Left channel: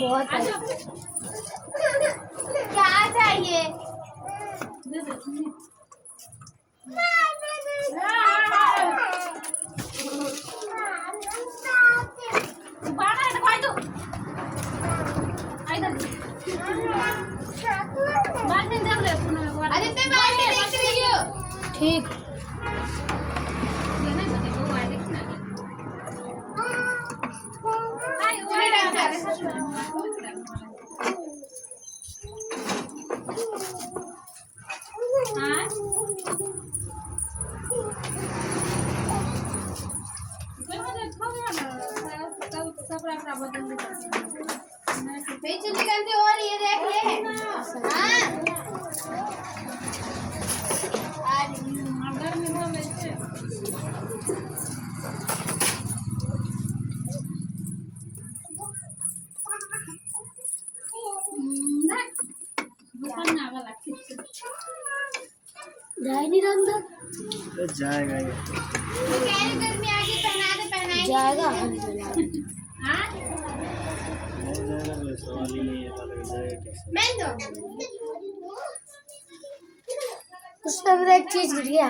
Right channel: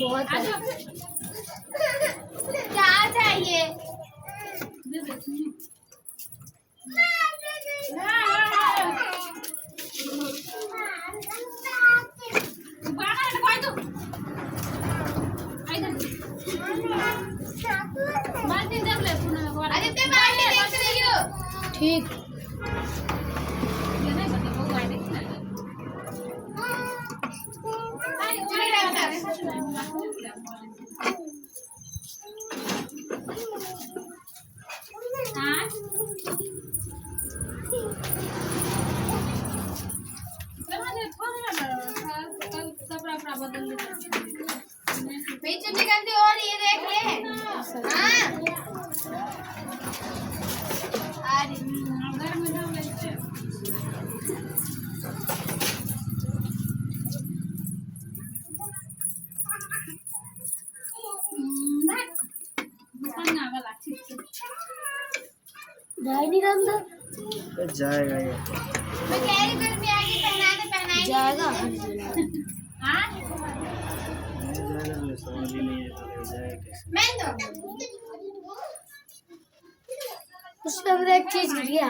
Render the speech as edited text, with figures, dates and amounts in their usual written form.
बहुत है। क्या चाहिए? ठीक और ये देख ले। हाँ जाए नहीं रंदा जाएगा ये मैं कह रही गर्मी आ गई, पहना दे पहना जाएगा। जाएगा तो सवाल ही नहीं है जाएगा कैसे। मैं दो उसके अंदर एक चीज गिर गया।